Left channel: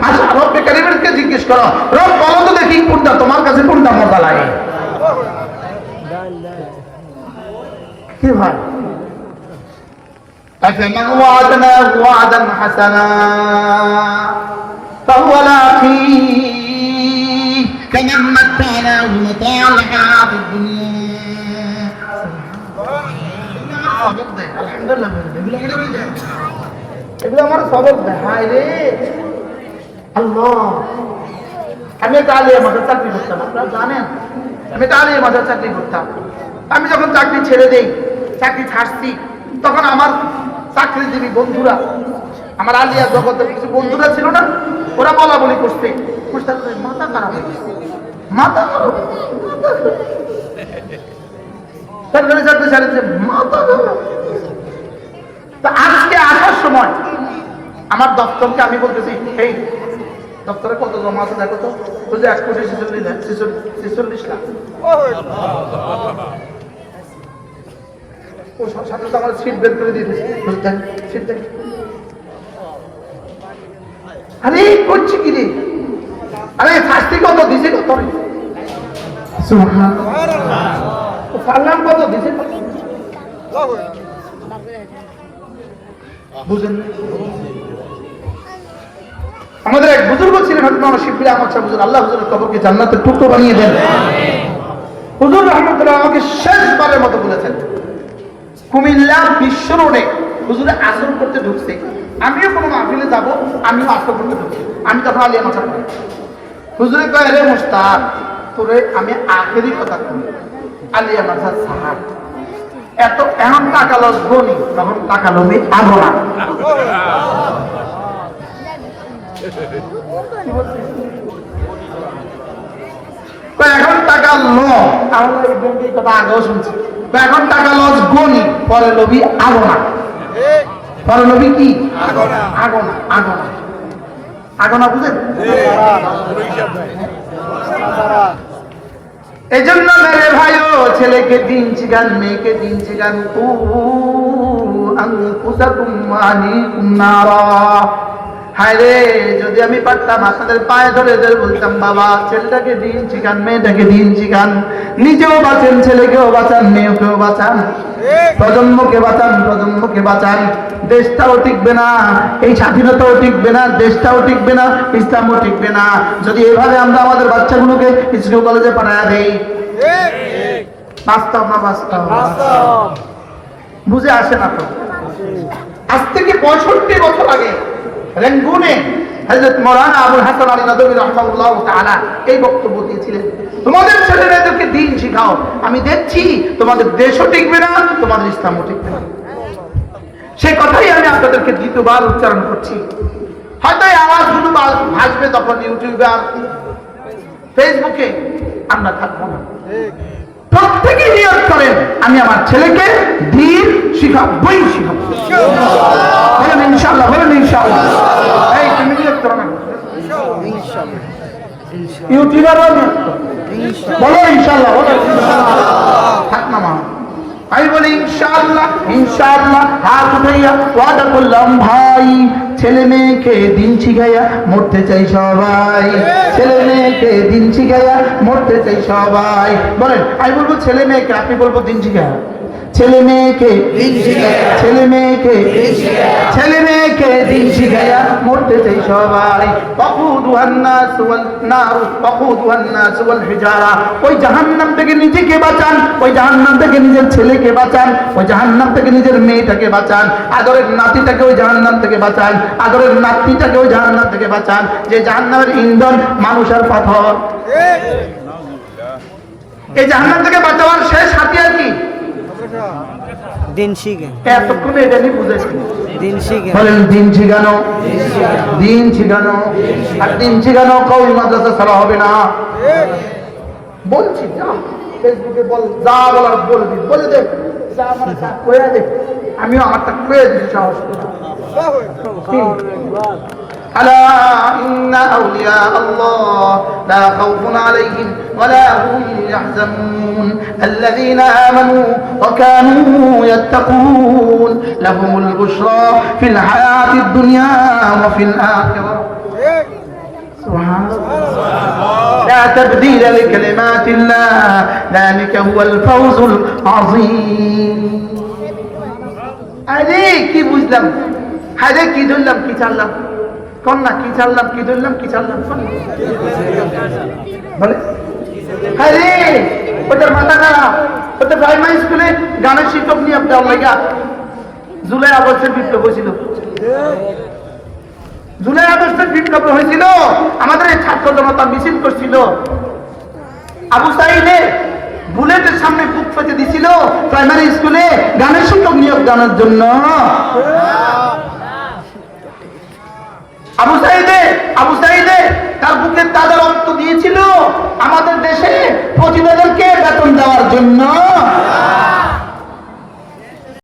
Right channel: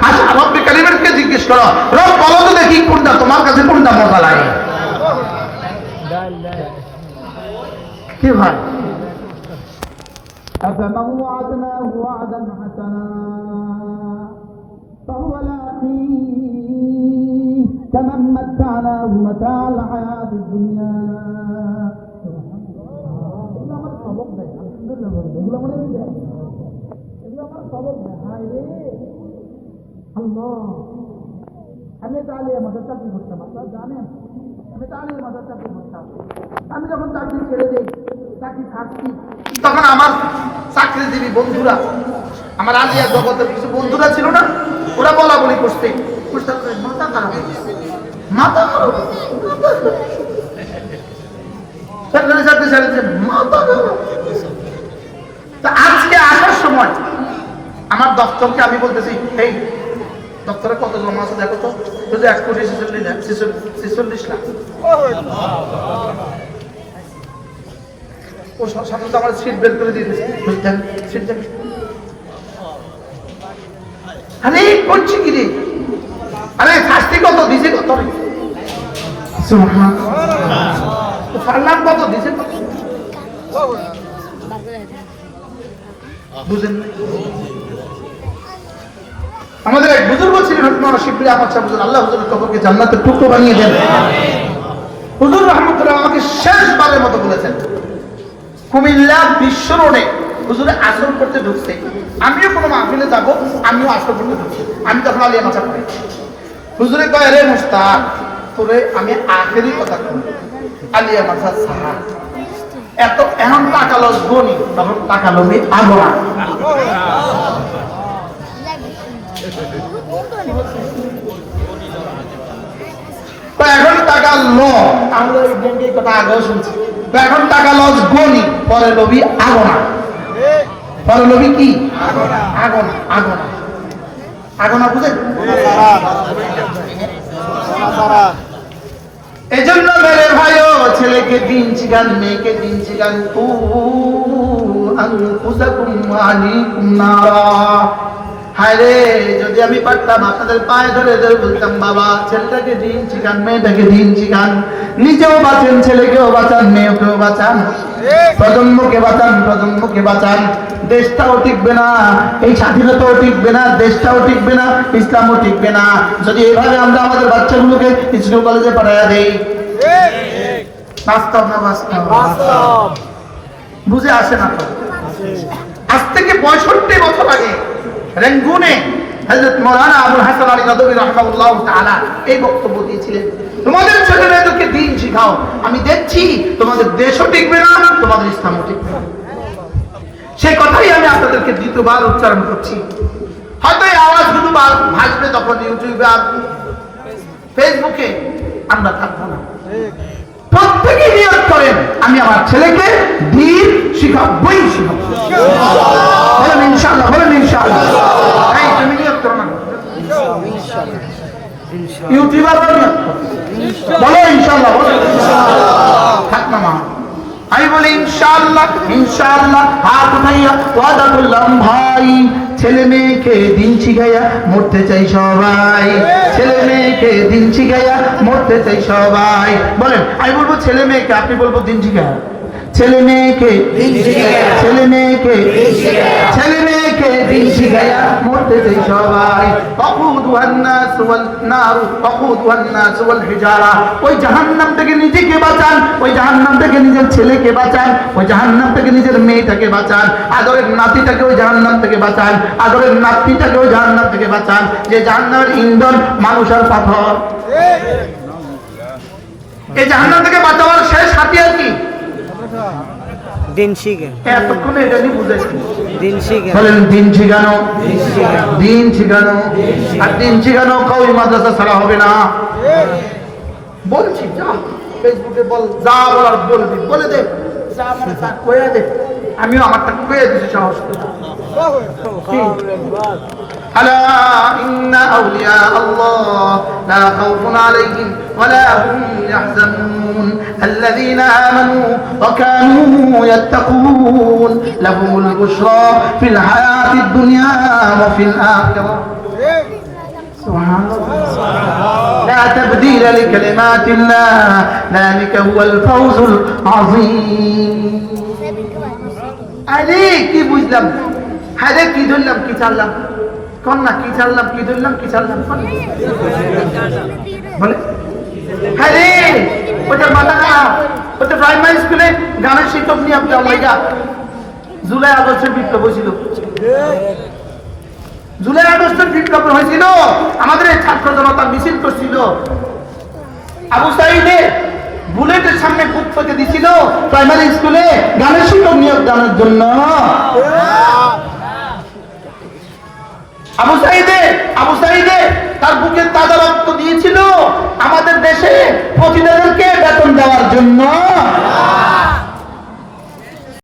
আচ্ছা রব্বে কারিমেরকে জিজ্ঞেস করো রব বলো তো দেখি কোনটা তোমার কাছে কোনটা মজা লাগে কি ভাই أفمن وعدناه وعدا حسنا فهو لاقيه كمن متعناه متاع الحياة الدنيا আলহামদুলিল্লাহ এগুলো আমার সবক হায় রে। আল্লাহ। আমি একটা আলিয়া চাকরি করতাম, আপনারা জানেন? আমি একটা আলিয়া চাকরি করতাম। আমি যখন চাকরি ছেড়ে দেই, চাকরি ছাড়ছি, তখন আমার চাকরিজীবী বন্ধুরা, আমার আলিয়া জগতের কিছু বন্ধুরা ছিল না, ওরা বলা বলি করতে মাথা খারাপ। মাথা খারাপ সরকারি চাকরি ছেড়েছে মাথা খারাপ তা আজকে আসার সময় আমার দপ্তরকে আমি বলতেছি, এই, দপ্তরে কত জমা আছে দেখো তো। বলছে এক কোটি ছেচল্লিশ লাখ, ছেচল্লিশ- সাথে সাথে আমার সিট বের করে বুঝতেন সিট আরে করছি কি রে? আরে, শাস্তি কত দিছে কত রে। কত দিছে কত? বুঝেন বুজুর্গ ছিলেন আপনারা শিববির আমার সাহেব হুজুর আল্লাহ হুজুরের কবরকে জান্নাতের টুকরো বানিয়ে দেন। হুজুর রহমতুল্লাহ আমাকে শেষবারের মতো বলেছেন, কুমিল্লা বিশ্ব রোডে হুজুরে আসর করতে ঢুকছে। আমিও কোনো মাহফিলে যাব, আমিও আসর করতে ঢুকছি। আমি তখন আলিয়া মাছা করি হুজুরে কয়, রে মুস্তাক, তোরে আমি আখেরি কথা কই। আলিয়া মাছা সাহাব এত এমন টাকা লস গনি তখন টাকা লবি আগরা। এখন টাকা ল। তাহলে এই ব্যাংকের কথা আগেও শুনছি। তো এখন টাকা লস গনি পরে লবি আগনা। পরে লবি কি? আগনা। আগনা আগনা। আগনা বুঝেন? এই জন্য মেরে ভাইও ছেলেকে দিন চিগান মেয়েকে দিন চিগান উ আনফুসাকুম আনিকুম নারা। হায় রে যদি আমি পারতাম আপনাদের পায়ে ধরে ধরে বলতাম বাবা ছেলেটাকে দিন চিকান মেয়েটাকে দিন চিকান নিজেও বাঁচেন ছেলেকেও বাঁচান মেয়েকেও বাঁচান। প্রজন্মকে বাঁচান প্রজন্মকে বাঁচান। দেশটাও টিকবে না এই স্বাধীনতাও টিকবে না দেশটাও টিকবে না ইসলামও টিকবে না। যদি এভাবে আমরা আমাদের বাচ্চাগুলোকে স্কুল কলেজে পাঠাইয়া দেই। বাস্তব না বাস্তব। বুঝে আসে না তো? আজ থেকে পঁয়ষট্টি বছর আগে রেঙ্গুনে হযরত মাওলানা আবুল হাসান আলী নদভী রাহমাহুল্লাহ তাআলা এই বক্তব্য দিয়েছিলেন। তোমাদের ছেলে মেয়েদেরকে দিন শিখাও। আমি দেখছি তোমাদের দেশও টিকবে না, তোমাদের ইসলামও টিকবে না। সেই কথাই আমি আপনাদেরকে দ্বিতীয়বার উচ্চারণ করছি। হয়তো এই আওয়াজগুলো বা- ভাসবে তখন ইউটিউবে আর ফেসবুকে। আমরা থাকব না। প্রত্যেকেই নিয়োগ করেন। আমি আমার ছেলেকে দিন শিখাবই শিখাবো। বলেন ইনশাআল্লাহ বলেন ইনশাআল্লাহ। ভাই, ছেলে মেয়েকে দিন শিখাইয়া মরতে চাই সবাই। ছেলে মেয়েকে দিন শিখাইয়া মরতে চাই সবাই। বলেন, আমি বলব ছেলে মেয়েকে, আপনি বলব দিন শিখাইয়া। ছেলে মেয়েকে ছেলে মেয়েকে ছেলে মেয়েকে দিন শিখাইয়া। মরতে চাই সবাই। অকুদুহান নাস ওয়াল নার অকুদুহান নাস ওয়াল হিজারা। ওই জাহান্নাম থেকে নিজেকে বাঁচান ওই জাহান্নাম থেকে নিজের ছেলেকে বাঁচান ওই জাহান্নাম থেকে নিজের মেয়েটাকে বাঁচান। আদরের নাতিটাকে ওই জাহান্নাম থেকে বাঁচান আদরের নাতিটাকে ওই জাহান্নাম থেকে বাঁচান। যে জাহান্নামের ইন্ধন মানুষ আর পাথর। এই জাহান্নাম থেকে বাঁচাবার শেষ হাতিয়ার কি? দিন শিখে। এতক্ষণে এটা নিয়ে বুঝেছি দিন শিখে। বলেন দিন শিখানো। দিন শিখানো। আর দিন শিখানো কই মাদ্রাসা ছাড়া হবে না। বলছি যা। ফেসবুকে বল যা বলার বলবি বলে দে। যা আমার যা কয়ে দে। আমিও আমারটা কয়ে দিচ্ছি সাহস করে। কি? ألا إن أولياء الله لا خوف عليهم ولا هم يحزنون الذين آمنوا وكانوا يتقون لهم البشرى في الحياة الدنيا وفي الآخرة سبحان الله لا تبديل لكلمات الله ذلك هو الفوز العظيم আরে, কি বুঝলাম? হারে কি ধরলাম, কি ছাড়লাম? কোন না, কি ছাড়লাম, কি ধরলাম, কি ছাড়লাম? বলে আরে ওদের মাথা খারাপ। ওদের প্রাইমারি স্কুলে গানের শিক্ষক নিয়ে আপনার লাইগা জুলাই আগস্টের বিপ্লব হয়েছিল। জুলাই আগস্টের বিপ্লব হয়েছিল, আমাদের ছাত্র জনতা মিছিল করছিল। আবু সাইদে বুলেটের সামনে বুক ফেটে দিছিল প্রাইমারি স্কুলে গানের শিক্ষক নিয়োগ জানার জন্য। আবু সাইদে আবু সাইদে, তার বুকে তাজা রক্ত দিয়েছিল। আমাদের দেশে প্রতিবেদনকে বেতন দেওয়ার জন্য।